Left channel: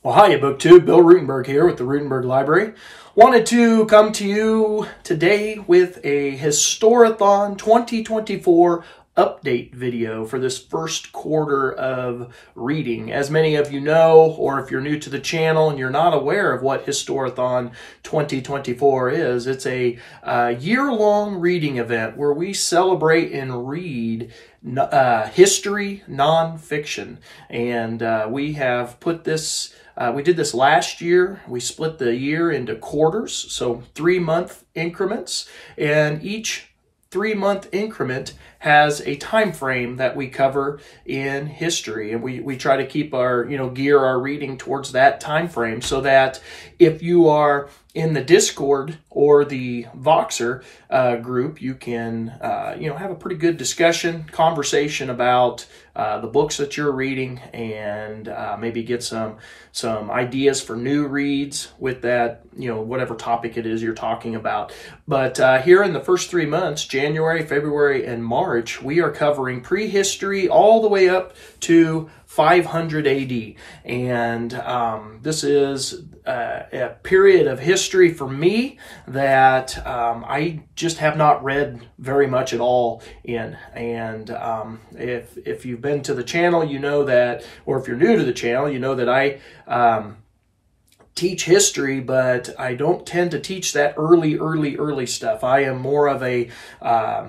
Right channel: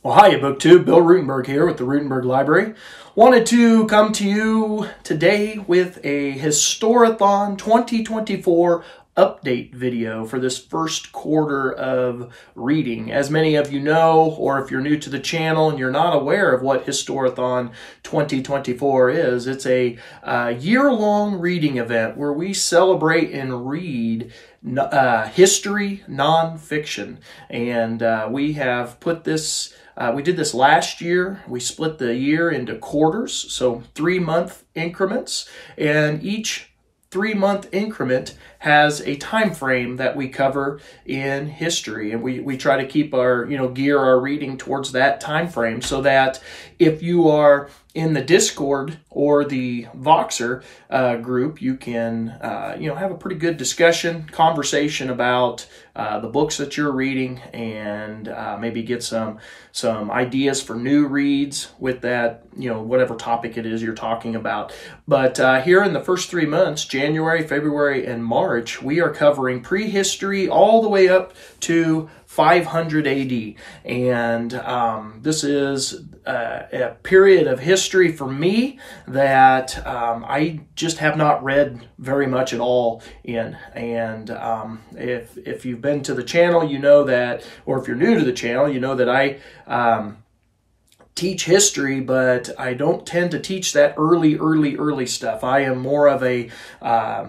Well, hiya, BookTube. Bill Ruttenberg here with the Ruttenberg Library. Wanted to come to you today with a Historathon 2024 update video for this first quarter of reading. As many of you know, or if you're new to the channel and you're not aware of what Historathon 2024 is, it's a year-long reading event where we celebrate and read history nonfiction. And we have put this we did this last year. We split the year into quarters, so 3-month increments, and each 3-month increment has a time frame that we cover in history, and we try to keep our gear our reading towards that time frame, so that if you are in the Discord or the Voxer group, you can have a pretty good conversation about the books that you're reading, and maybe get some ideas for new reads with that, whatever topic it is you're talking about. But here in the first 3 months, January, February, and March, we are covering prehistory all the way up to 500 AD. And this is a period of history for me that I just have not read very much at all in. And if you've been to the channel, you know that, or if you're new to the channel, you know that I teach history, but I don't tend to teach that early stuff. I am more of a, I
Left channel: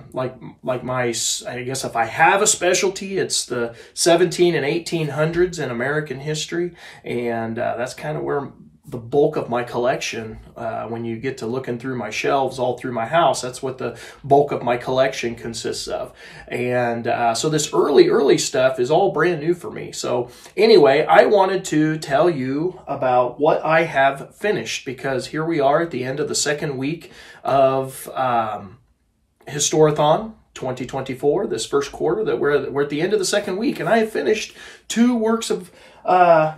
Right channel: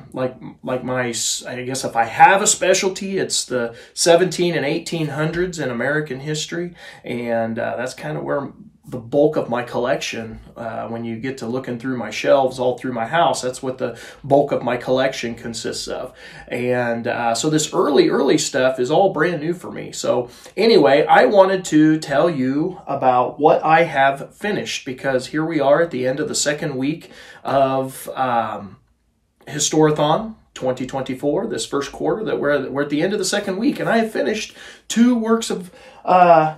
guess if I have a specialty, it's the 17 and 1800s in American history. And that's kind of where the bulk of my collection, when you get to looking through my shelves all through my house, that's what the bulk of my collection consists of. And so this early stuff is all brand new for me. So anyway, I wanted to tell you about what I have finished, because here we are at the end of the second week of Historathon 2024, this first quarter, that we're at the end of the second week, and I have finished 2 works of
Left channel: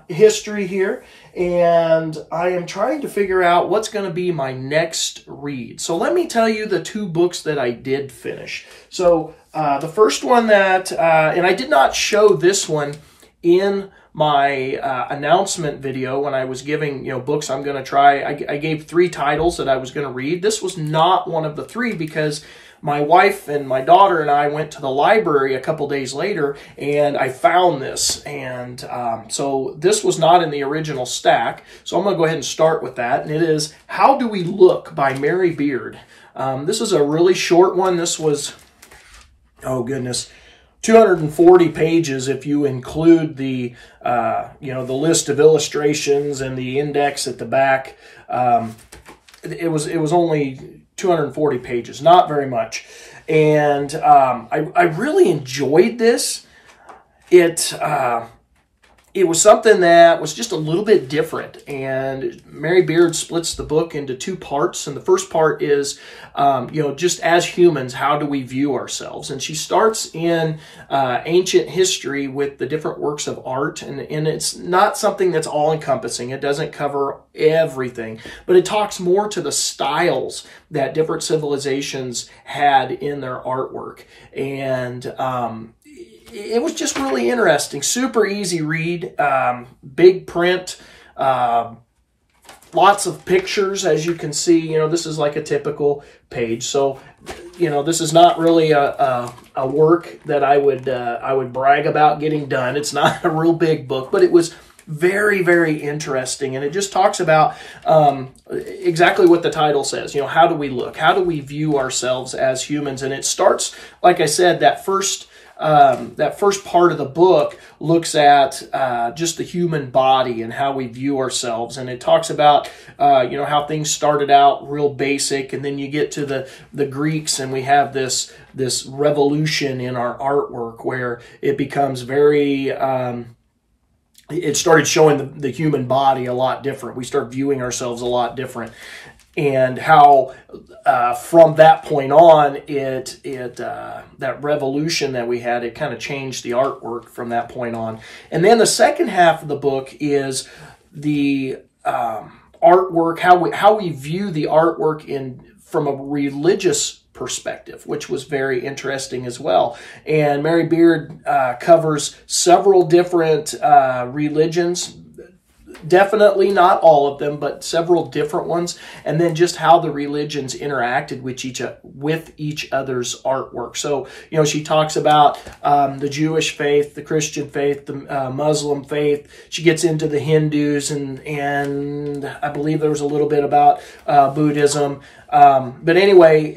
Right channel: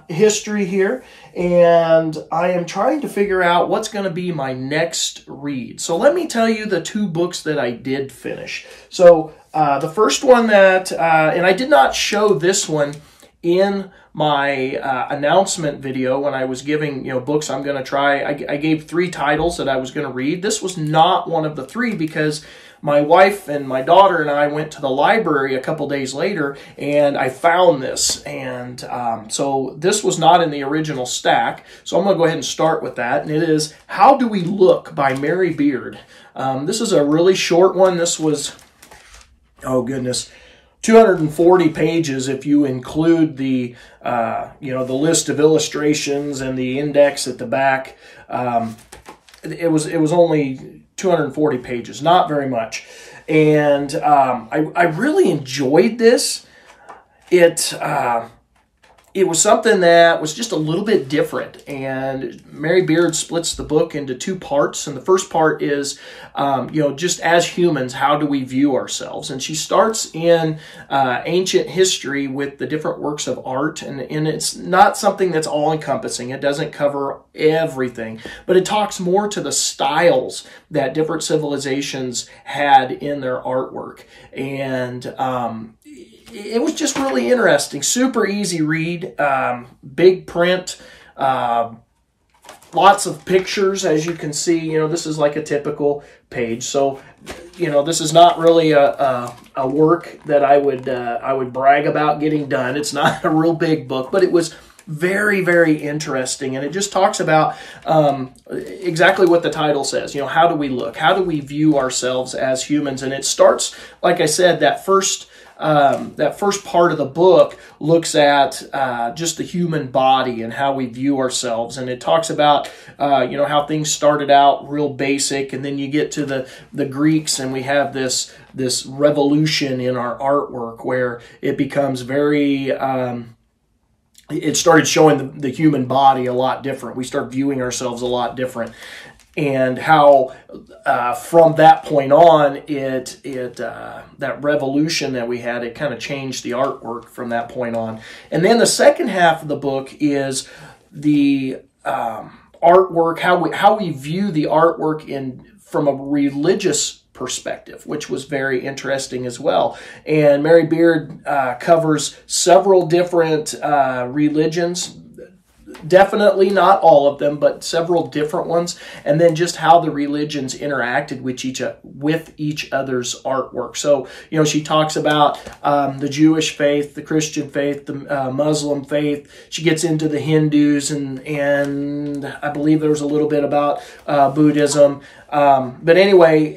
history here, and I am trying to figure out what's going to be my next read. So let me tell you the 2 books that I did finish. So the first one that, and I did not show this one in my announcement video when I was giving books I'm going to try. I gave 3 titles that I was going to read. This was not one of the 3 because my wife and my daughter and I went to the library a couple days later, and I found this. And so this was not in the original stack. So I'm going to go ahead and start with that. And it is How Do We Look by Mary Beard. This is a really short one. This was, oh goodness, 240 pages if you include the the list of illustrations and the index at the back. It was only 240 pages, not very much. And I really enjoyed this. It was something that was just a little bit different. And Mary Beard splits the book into 2 parts. And the first part is, just as humans, how do we view ourselves? And she starts in ancient history with the different works of art. And it's not something that's all-encompassing. It doesn't cover everything. But it talks more to the styles that different civilizations had in their artwork. And it was just really interesting. Super easy read, big print, lots of pictures, as you can see. This is like a typical page. So, this is not really a work that I would brag about getting done. It's not a real big book, but it was very, very interesting. And it just talks about exactly what the title says. How do we look? How do we view ourselves as humans? And it starts, like I said, that first part of the book looks at just the human body and how we view ourselves. And it talks about, how things started out real basic. And then you get to the Greeks, and we have this revolution in our artwork where it becomes very, it started showing the human body a lot different. We start viewing ourselves a lot different. And how from that point on, that revolution that we had, it kind of changed the artwork from that point on. And then the second half of the book is the artwork, how we view the artwork from a religious perspective, which was very interesting as well. And Mary Beard covers several different religions, definitely not all of them, but several different ones, and then just how the religions interacted with each other's artwork. So, you know, she talks about the Jewish faith, the Christian faith, the Muslim faith. She gets into the Hindus, and I believe there was a little bit about Buddhism. But anyway,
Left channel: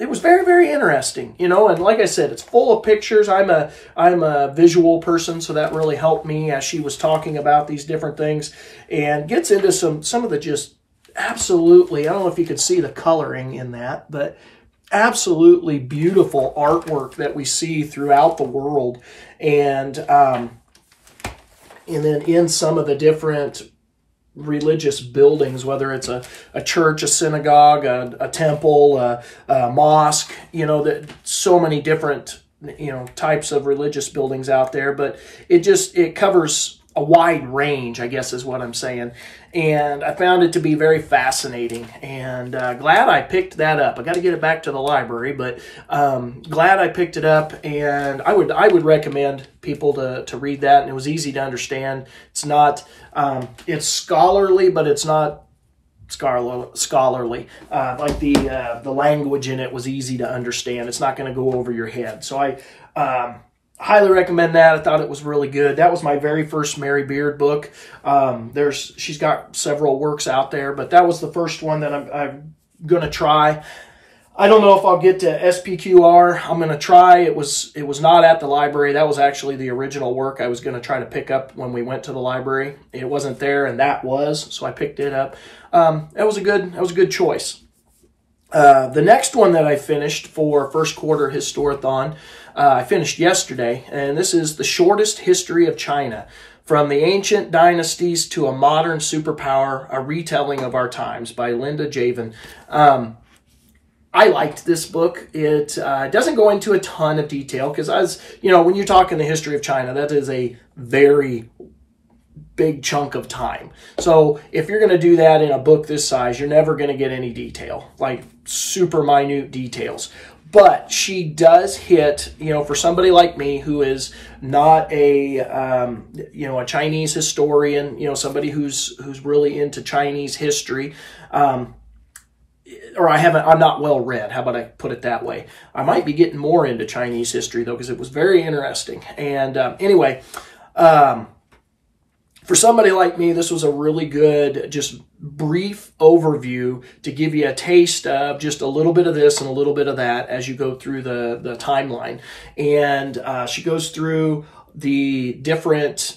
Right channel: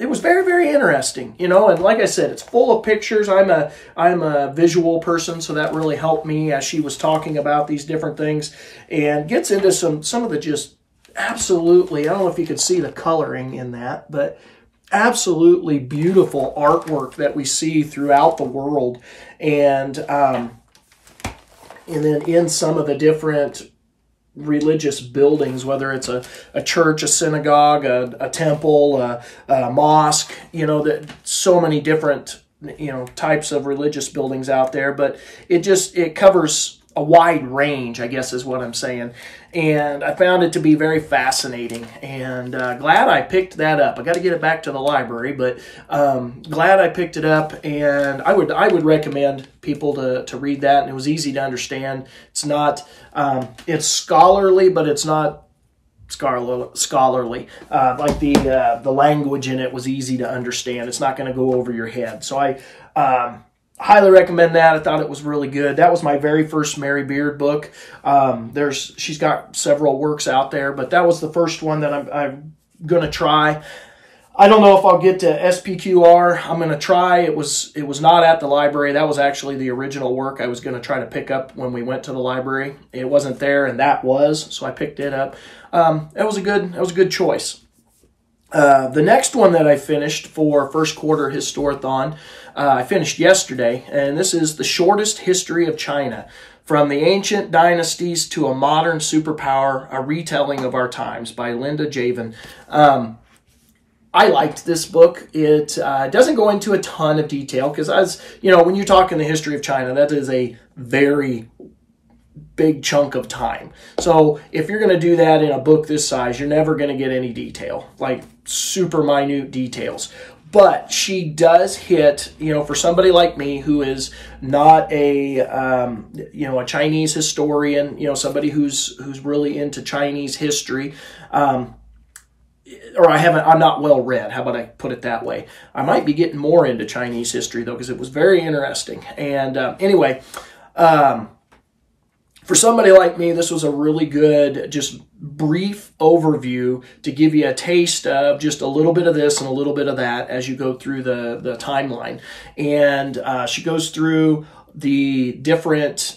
it was very, very interesting, you know, and like I said, it's full of pictures. I'm a visual person, so that really helped me as she was talking about these different things, and gets into some of the just absolutely, I don't know if you could see the coloring in that, but absolutely beautiful artwork that we see throughout the world. And then in some of the different religious buildings, whether it's a church, a synagogue, a temple, a mosque, you know, that so many different, you know, types of religious buildings out there, but it covers a wide range, I guess is what I'm saying. And I found it to be very fascinating, and glad I picked that up. I got to get it back to the library, but glad I picked it up, and I would recommend people to read that. And it was easy to understand. It's not it's scholarly, but it's not scholarly. Like the language in it was easy to understand. It's not going to go over your head. So I highly recommend that. I thought it was really good. That was my very first Mary Beard book. She's got several works out there, but that was the first one that I'm going to try. I don't know if I'll get to SPQR. I'm going to try. It was not at the library. That was actually the original work I was going to try to pick up when we went to the library. It wasn't there, and that was, so I picked it up. That was a good choice. The next one that I finished for first quarter Historathon, I finished yesterday, and this is The Shortest History of China, From the Ancient Dynasties to a Modern Superpower, a Retelling of Our Times by Linda Javen. I liked this book. It doesn't go into a ton of detail because, as you know, when you're talking the history of China, that is a very big chunk of time. So if you're going to do that in a book this size, you're never going to get any detail, like super minute details. But she does hit, you know, for somebody like me who is not a, you know, a Chinese historian, you know, somebody who's really into Chinese history, or I'm not well read. How about I put it that way? I might be getting more into Chinese history though, because it was very interesting. And anyway, for somebody like me, this was a really good, just brief overview to give you a taste of just a little bit of this and a little bit of that as you go through the timeline. And she goes through the different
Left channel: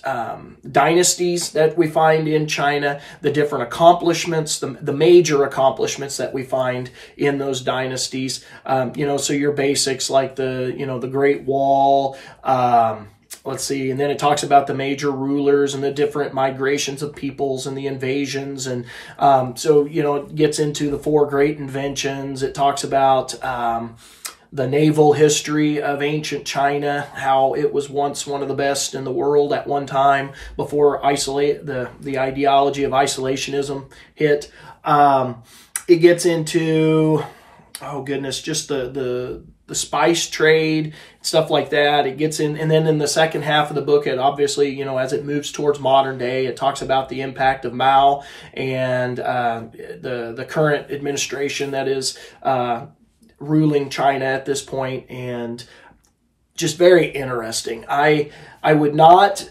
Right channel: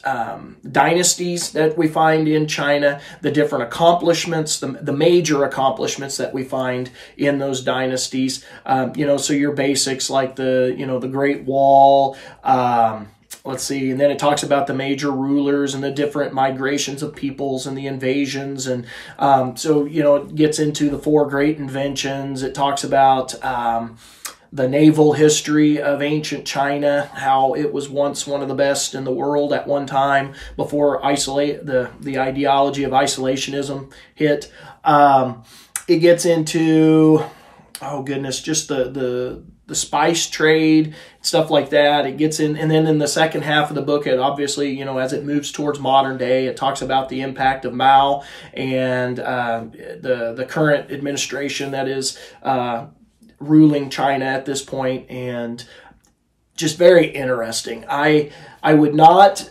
dynasties that we find in China, the different accomplishments, the major accomplishments that we find in those dynasties. You know, so your basics like the Great Wall, let's see, and then it talks about the major rulers and the different migrations of peoples and the invasions. And so, you know, it gets into the 4 great inventions. It talks about the naval history of ancient China, how it was once one of the best in the world at one time before the ideology of isolationism hit. It gets into, oh goodness, just the spice trade, stuff like that. It gets in, and then in the second half of the book, it obviously, you know, as it moves towards modern day, it talks about the impact of Mao and the current administration that is ruling China at this point, and just very interesting. I would not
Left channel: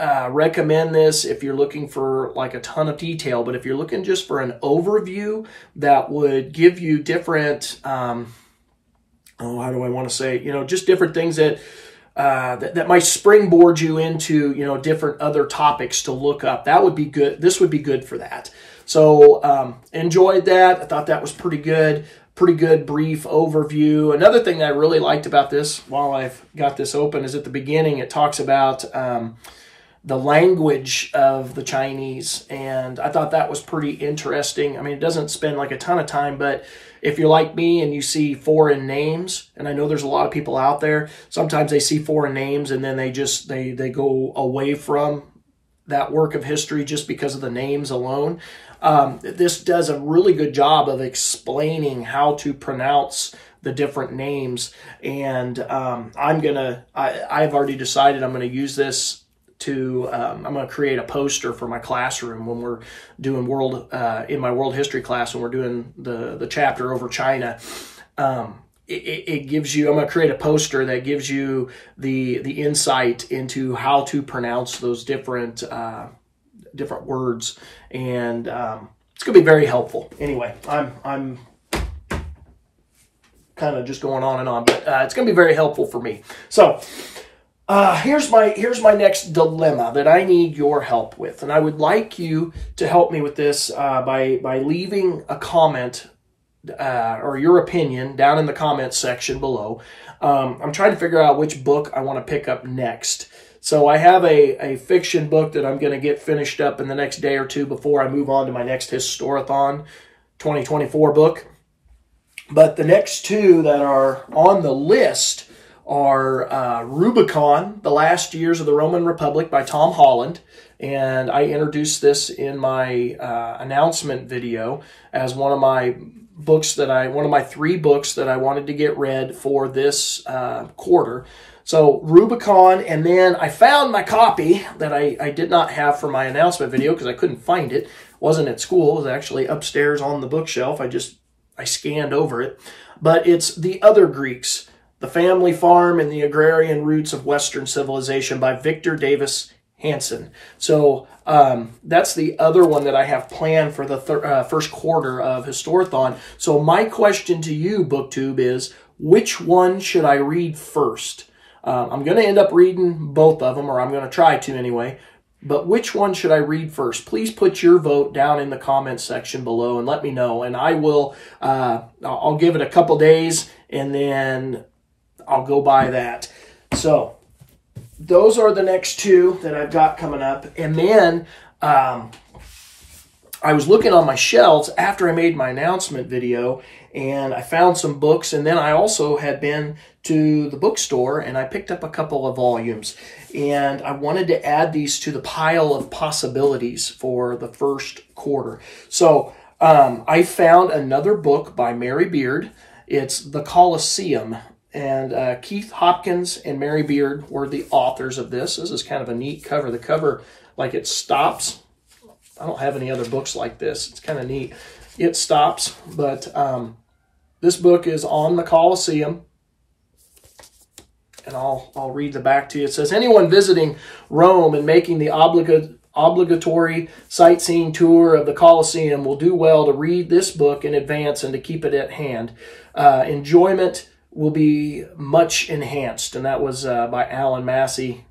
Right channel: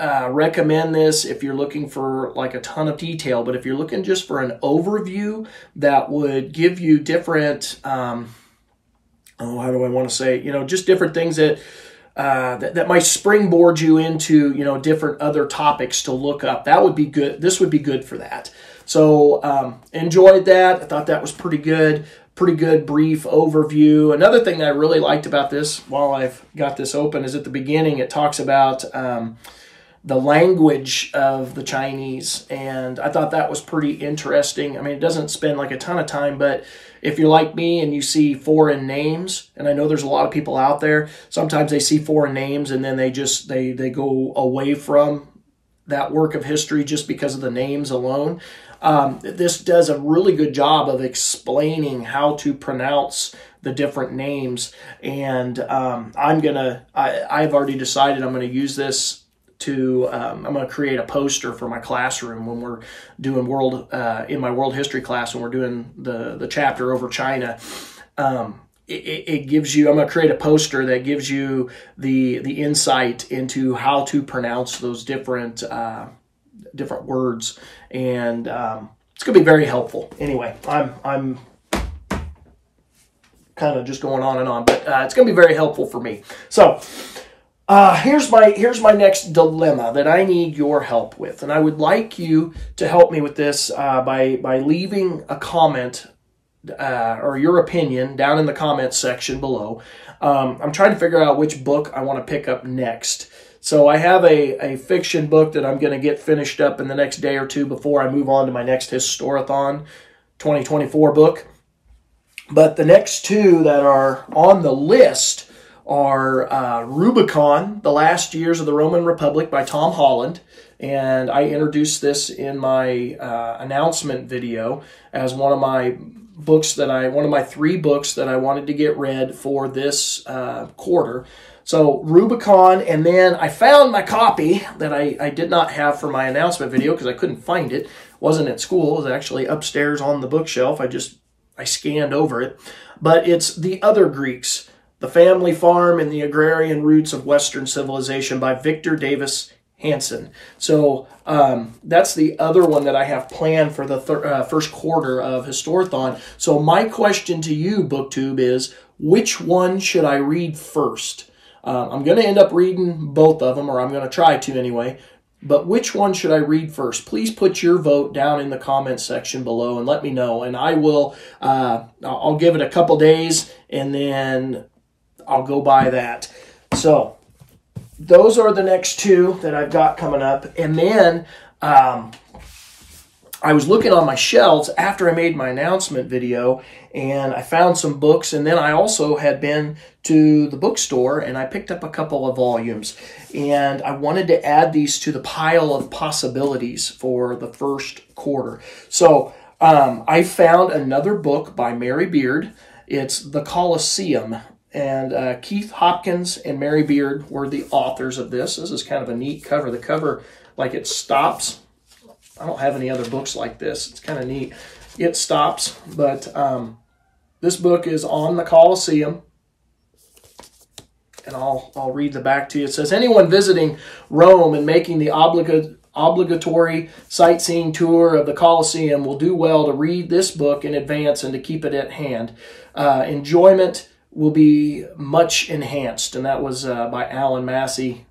recommend this if you're looking for like a ton of detail, but if you're looking just for an overview that would give you different how do I want to say, you know, just different things that that might springboard you into, you know, different other topics to look up. That would be good. This would be good for that. So enjoyed that. I thought that was pretty good brief overview. Another thing that I really liked about this, while I've got this open, is at the beginning it talks about the language of the Chinese, and I thought that was pretty interesting. I mean, it doesn't spend like a ton of time, but if you're like me and you see foreign names, and I know there's a lot of people out there, sometimes they see foreign names and then they go away from that work of history just because of the names alone. This does a really good job of explaining how to pronounce the different names, and I've already decided I'm going to use this to I'm going to create a poster for my classroom when we're doing in my world history class, when we're doing the chapter over China. It gives you, I'm going to create a poster that gives you the insight into how to pronounce those different words, and it's going to be very helpful. Anyway, I'm kind of just going on and on, but it's going to be very helpful for me. So here's my next dilemma that I need your help with, and I would like you to help me with this by leaving a comment or your opinion down in the comments section below. I'm trying to figure out which book I want to pick up next. So I have a fiction book that I'm going to get finished up in the next day or two before I move on to my next Historathon 2024 book. But the next two that are on the list are Rubicon, The Last Years of the Roman Republic by Tom Holland. And I introduced this in my announcement video as one of my three books that I wanted to get read for this quarter. So Rubicon, and then I found my copy that I did not have for my announcement video because I couldn't find it. It wasn't at school. It was actually upstairs on the bookshelf. I scanned over it. But it's The Other Greeks, The Family Farm and the Agrarian Roots of Western Civilization by Victor Davis Hanson. So that's the other one that I have planned for the first quarter of Historathon. So my question to you, BookTube, is which one should I read first? I'm going to end up reading both of them, or I'm going to try to anyway. But which one should I read first? Please put your vote down in the comments section below and let me know. And I will, I'll give it a couple days and then I'll go by that. So those are the next two that I've got coming up. And then I was looking on my shelves after I made my announcement video, and I found some books. And then I also had been to the bookstore and I picked up a couple of volumes. And I wanted to add these to the pile of possibilities for the first quarter. So I found another book by Mary Beard. It's The Coliseum. And Keith Hopkins and Mary Beard were the authors of this. This is kind of a neat cover. The cover, like, it stops. I don't have any other books like this. It's kind of neat. It stops, but this book is on the Coliseum. And I'll read the back to you. It says, anyone visiting Rome and making the obligatory sightseeing tour of the Coliseum will do well to read this book in advance and to keep it at hand. Enjoyment will be much enhanced. And that was by Alan Massey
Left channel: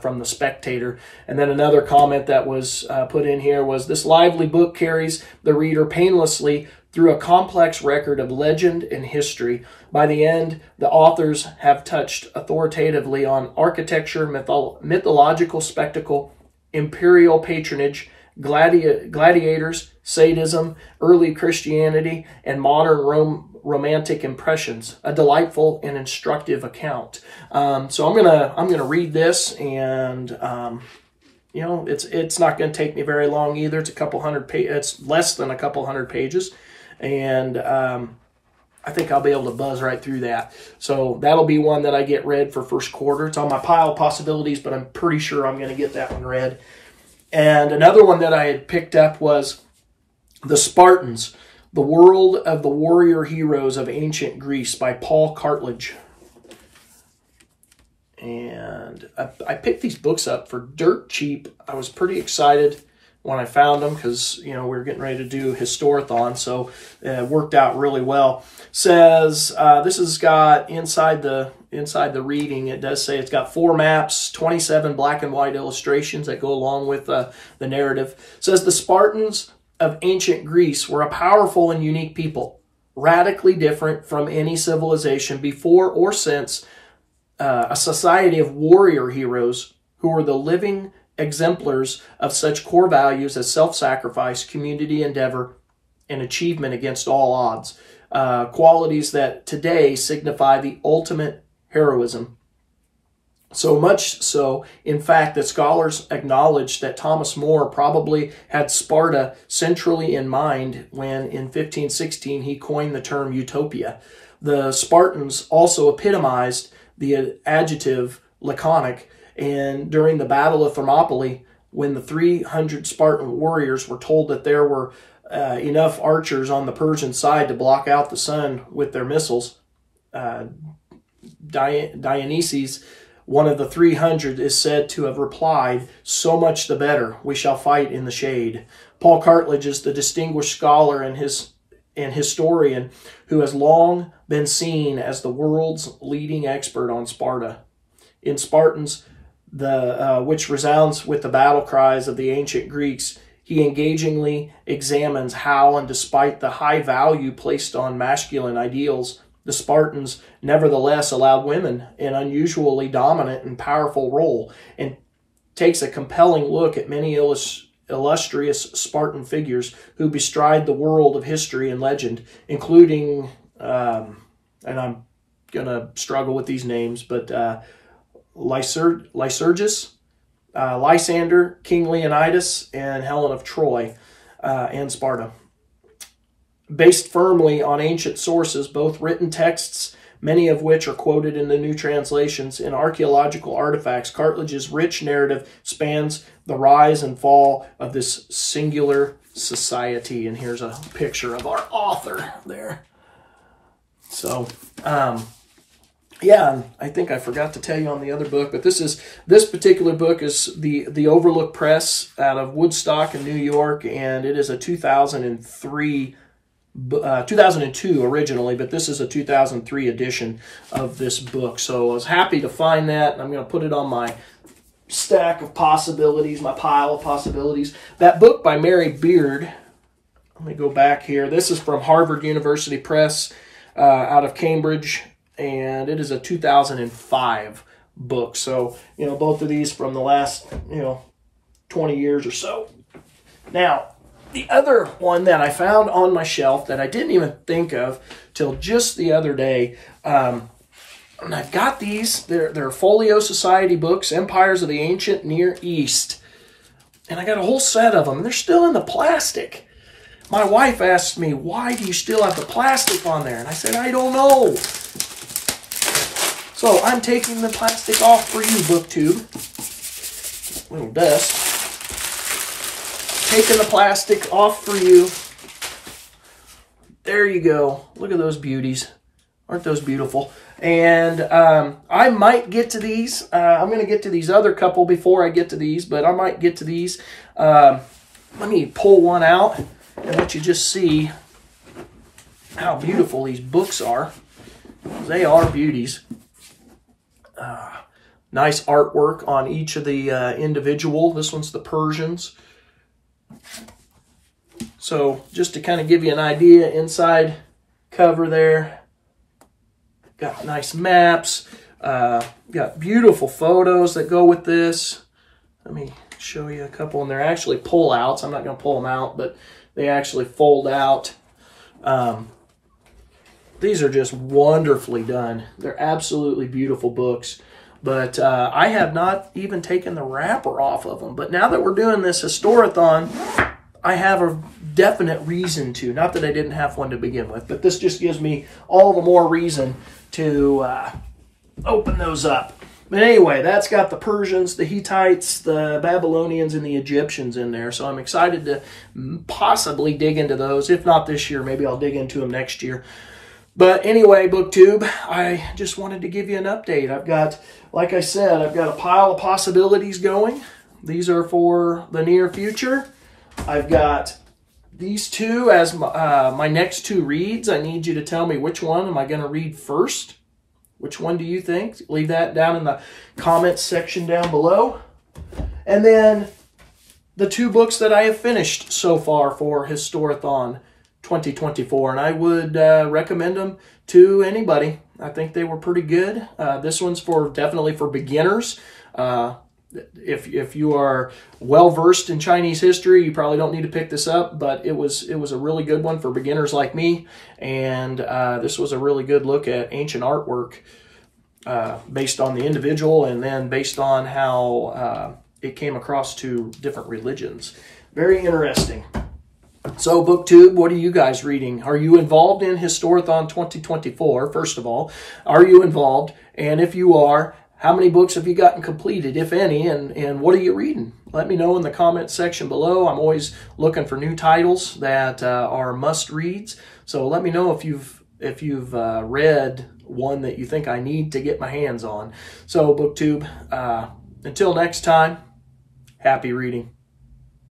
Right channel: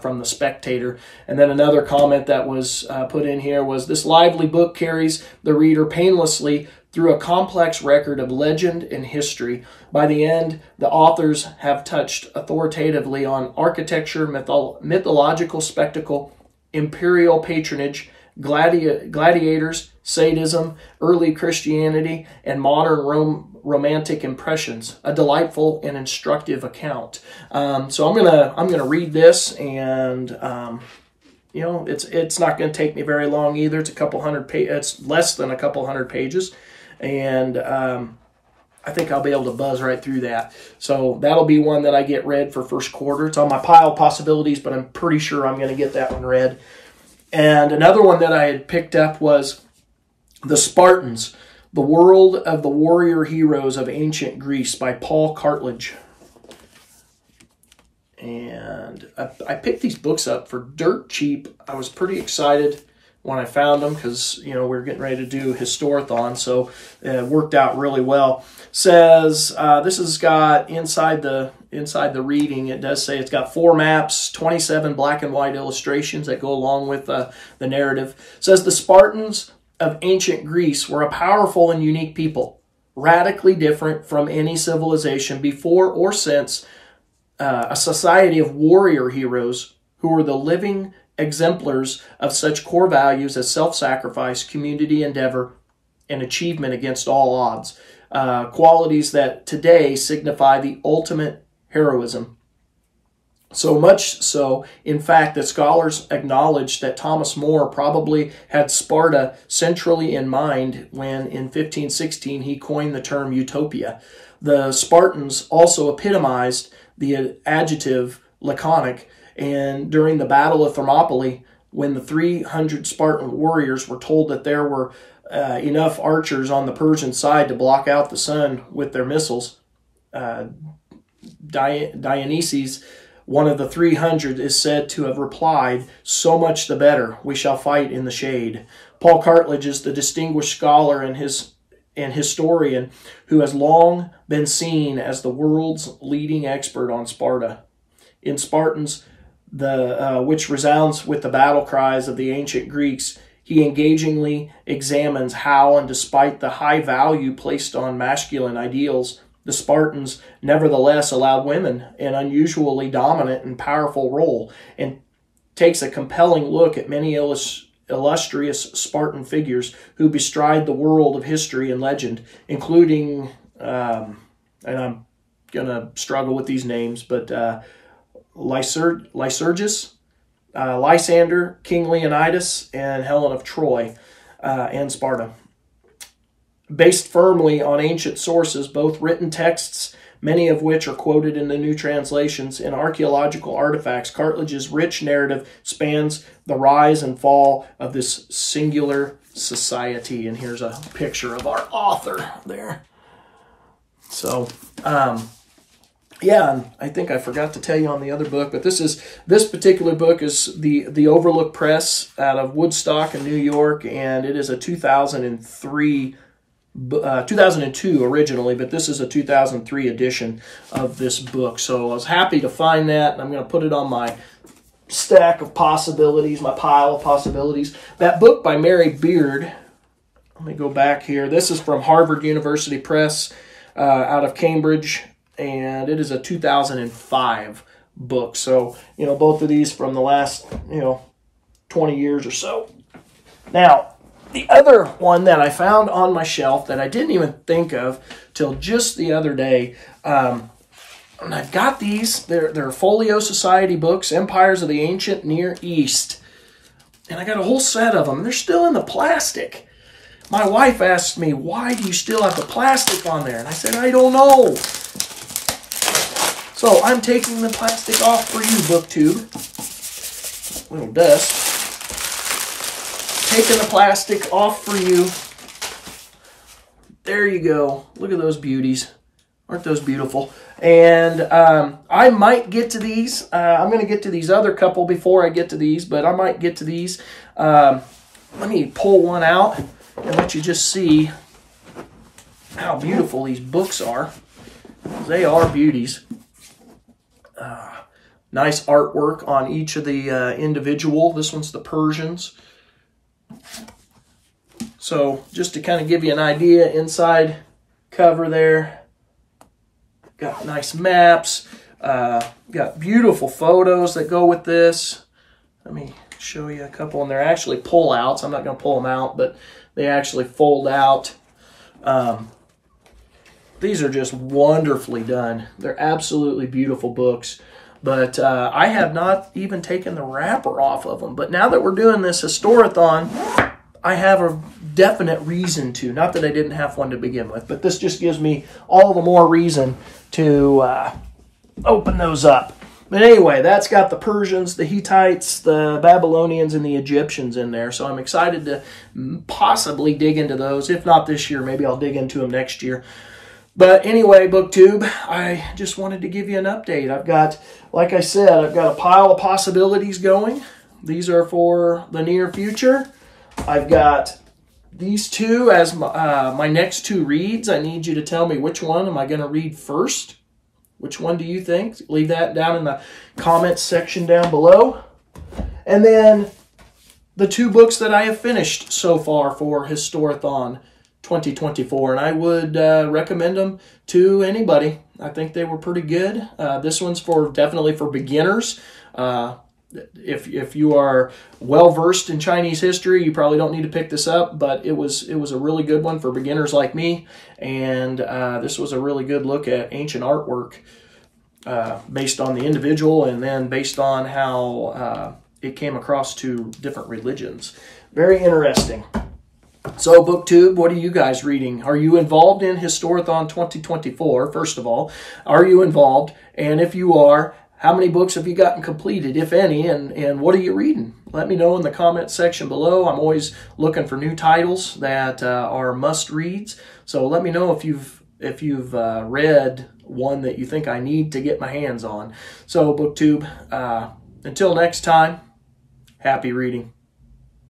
from The Spectator. And then another comment that was put in here was, this lively book carries the reader painlessly through a complex record of legend and history. By the end, the authors have touched authoritatively on architecture, mythological spectacle, imperial patronage, gladiators, sadism, early Christianity, and modern romantic impressions. A delightful and instructive account. So I'm gonna read this, and you know, it's not going to take me very long either. It's a couple hundred it's less than a couple hundred pages, and I think I'll be able to buzz right through that. So that'll be one that I get read for first quarter. It's on my pile of possibilities, but I'm pretty sure I'm going to get that one read. And another one that I had picked up was The Spartans, The World of the Warrior Heroes of Ancient Greece by Paul Cartledge. And I picked these books up for dirt cheap. I was pretty excited when I found them because, you know, we were getting ready to do Historathon, so it worked out really well. Says this has got inside the reading, it does say it's got 4 maps, 27 black and white illustrations that go along with the narrative. It says the Spartans of ancient Greece were a powerful and unique people, radically different from any civilization before or since. A society of warrior heroes who were the living exemplars of such core values as self-sacrifice, community endeavor, and achievement against all odds. Qualities that today signify the ultimate heroism. So much so, in fact, that scholars acknowledge that Thomas More probably had Sparta centrally in mind when in 1516 he coined the term utopia. The Spartans also epitomized the adjective laconic And during the Battle of Thermopylae, when the 300 Spartan warriors were told that there were enough archers on the Persian side to block out the sun with their missiles, Dionysius, one of the 300, is said to have replied, "So much the better, we shall fight in the shade." Paul Cartledge is the distinguished scholar and historian who has long been seen as the world's leading expert on Sparta. In Spartans, which resounds with the battle cries of the ancient Greeks, he engagingly examines how, and despite the high value placed on masculine ideals, the Spartans nevertheless allowed women an unusually dominant and powerful role, and takes a compelling look at many illustrious Spartan figures who bestride the world of history and legend, including, and I'm going to struggle with these names, but Lycurgus, Lysander, King Leonidas, and Helen of Troy, and Sparta. Based firmly on ancient sources, both written texts, many of which are quoted in the new translations, and archaeological artifacts, Cartledge's rich narrative spans the rise and fall of this singular society. And here's a picture of our author there. So, yeah, and I think I forgot to tell you on the other book, but this particular book is the Overlook Press out of Woodstock in New York, and it is a 2002 originally, but this is a 2003 edition of this book. So I was happy to find that, and I'm going to put it on my stack of possibilities, my pile of possibilities. That book by Mary Beard, let me go back here. This is from Harvard University Press out of Cambridge, and it is a 2005 book. So, both of these from the last, 20 years or so. Now, the other one that I found on my shelf that I didn't even think of till just the other day, and I've got these, they're Folio Society books, Empires of the Ancient Near East. And I got a whole set of them. They're still in the plastic. My wife asked me, "Why do you still have the plastic on there?" And I said, "I don't know." So I'm taking the plastic off for you, BookTube. Little dust. Taking the plastic off for you. There you go. Look at those beauties. Aren't those beautiful? And I might get to these. I'm going to get to these other couple before I get to these, but I might get to these. Let me pull one out and let you just see how beautiful these books are. They are beauties. Nice artwork on each of the individual. This one's the Persians. So just to kind of give you an idea, inside cover there, got nice maps, got beautiful photos that go with this. Let me show you a couple, and they're actually pull-outs. I'm not going to pull them out, but they actually fold out. These are just wonderfully done. They're absolutely beautiful books. But I have not even taken the wrapper off of them. But now that we're doing this Historathon, I have a definite reason to. Not that I didn't have one to begin with, but this just gives me all the more reason to open those up. But anyway, that's got the Persians, the Hittites, the Babylonians, and the Egyptians in there. So I'm excited to possibly dig into those. If not this year, maybe I'll dig into them next year. But anyway, BookTube, I just wanted to give you an update. I've got, like I said, I've got a pile of possibilities going. These are for the near future. I've got these two as my next two reads. I need you to tell me which one am I going to read first. Which one do you think? Leave that down in the comments section down below. And then the two books that I have finished so far for Historathon 2024, and I would recommend them to anybody. I think they were pretty good. This one's definitely for beginners. If you are well versed in Chinese history, you probably don't need to pick this up. But it was a really good one for beginners like me, and this was a really good look at ancient artwork based on the individual, and then based on how it came across to different religions. Very interesting. So, BookTube, what are you guys reading? Are you involved in Historathon 2024? First of all, are you involved? And if you are, How many books have you gotten completed, if any, and what are you reading? Let me know in the comments section below. I'm always looking for new titles that are must-reads. So let me know if you've read one that you think I need to get my hands on. So BookTube, until next time, happy reading.